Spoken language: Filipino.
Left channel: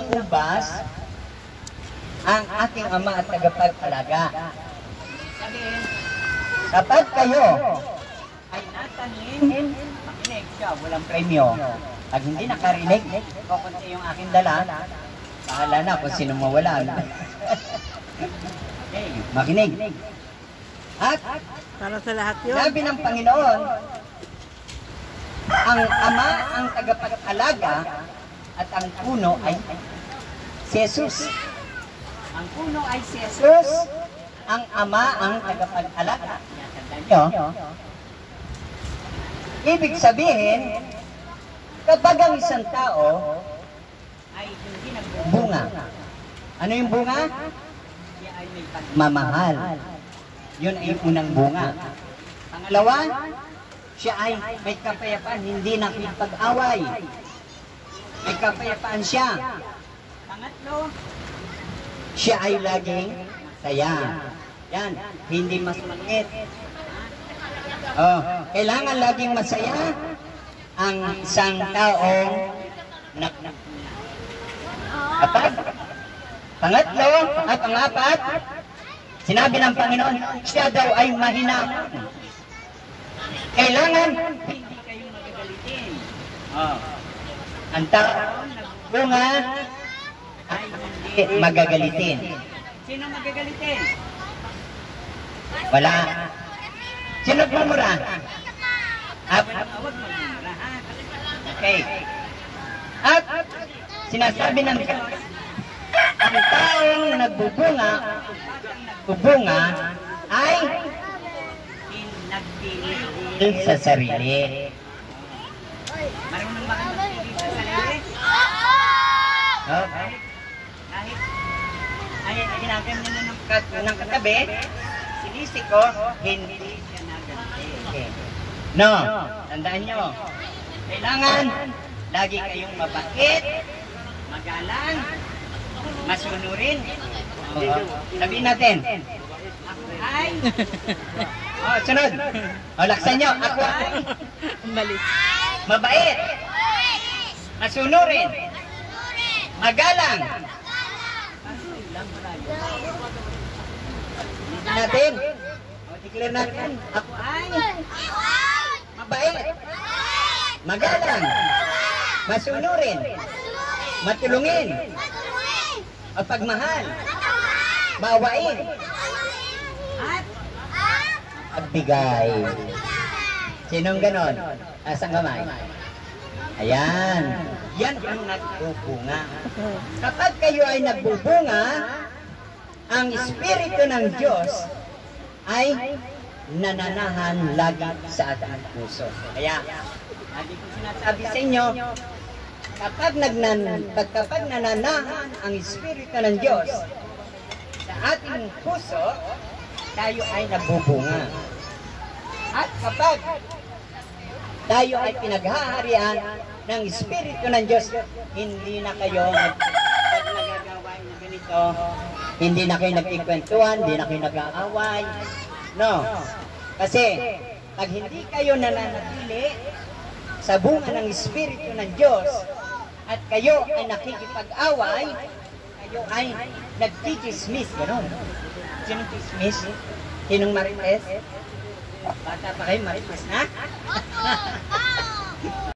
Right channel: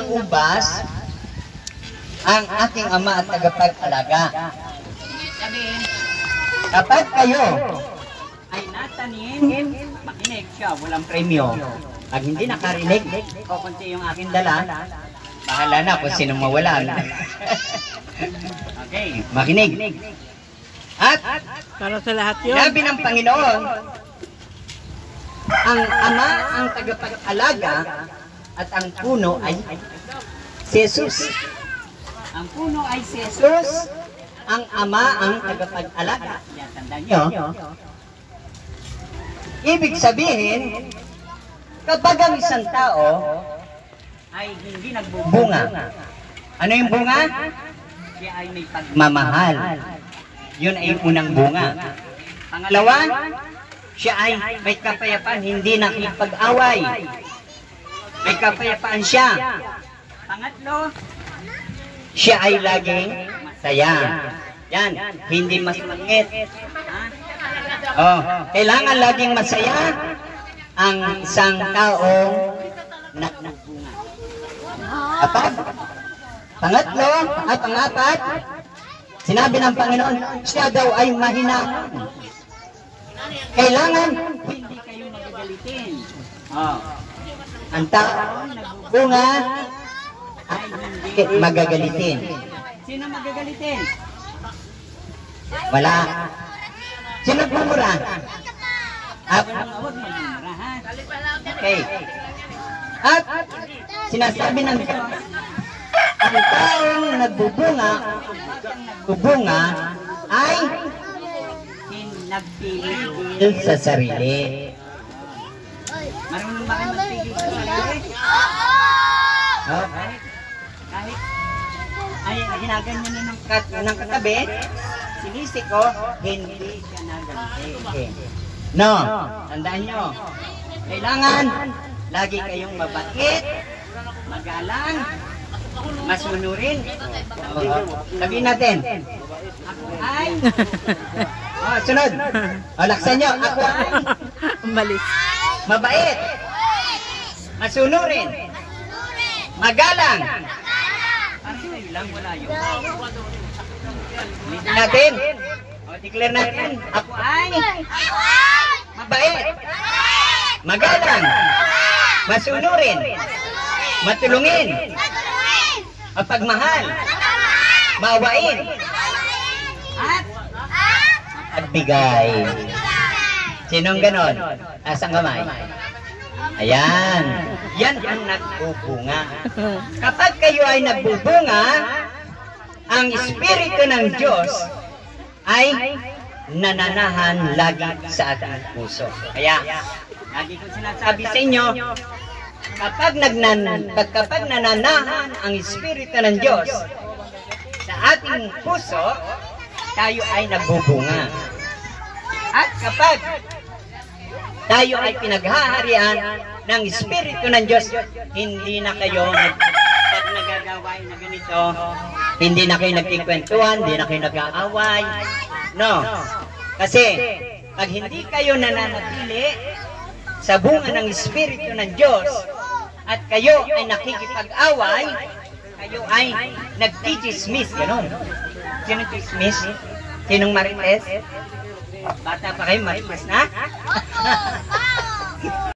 ubas ang aking ama at tagapagpalaga. Kapag kayo ay natanim, makinig siya, walang premyo. Pag hindi nakarinig, kukunti yung aking dala, bahala na kung sino mawalan. Okay, makinig. At para sa lahat yun. sinabi ng Panginoon, ang ama ang tagapag-alaga at ang puno ay si Jesus. Ang puno ay si Jesus, ang ama ang tagapag-alaga. Tandaan nyo. Ibig sabihin, kapag ang isang tao ay hindi nagbubunga, ano yung bunga? Siya ay may pagmamahal. Yun ay yung unang bunga. Pangalawa, siya ay may kapayapaan, hindi nakipag-away. May kapayapaan siya. Pangatlo, siya ay laging masaya. Yan, hindi mas mangit. Oh, kailangan laging masaya ang isang taong nagbunga. Pangatlo, at pangapat, sinabi ng Panginoon, siya daw ay mahinahon. Kailangan hindi kayo magagalitin. Oh. Ang taong nagbunga ay hindi magagalitin. Sino magagalitin? Wala. Sino bumura? Huwag magmumura, ha? Okay. At sinasabi ng Diyos, ang taong nagbubunga ay nagpipigil sa sarili. Marunong ba kayo magpigil sa sarili? Okay. Kahit ay ginaganyan na ng katabi, sinisiko, hindi siya naganti. Okay. No, tandaan nyo, kailangan lagi kayong mabait, magalang, masunurin. Sabihin natin, ako ay, sunod. Laksan nyo, ako ay mabait, masunurin, magalang. Lang wala yun. Listen natin. Declare natin, ako ay mabait, magalang, masunurin, matulungin, mapagmahal, maawain, at bigay. Sinong ganon? Asang kamay? Ayan. Yan ang nagbubunga. Kapag kayo ay nagbubunga, ang Espiritu ng Diyos ay nananahan lagi sa ating puso. Kaya, lagi kong sinasabi sa inyo, kapag nananahan ang Espiritu ng Diyos sa ating puso, tayo ay nagbubunga. At kapag tayo ay pinaghaharian ng Espiritu ng Diyos, hindi na kayo pag nagagawain na ganito, hindi na kayo nagkikwentuhan, hindi na kayo nag-aaway. No. Kasi, pag hindi kayo nananatili sa bunga ng Espiritu ng Diyos, at kayo ay nakikipag-away, kayo ay nagtitismis. Ganon. Sinong tismis? Sinong marites? Bata pa kayo, marites na?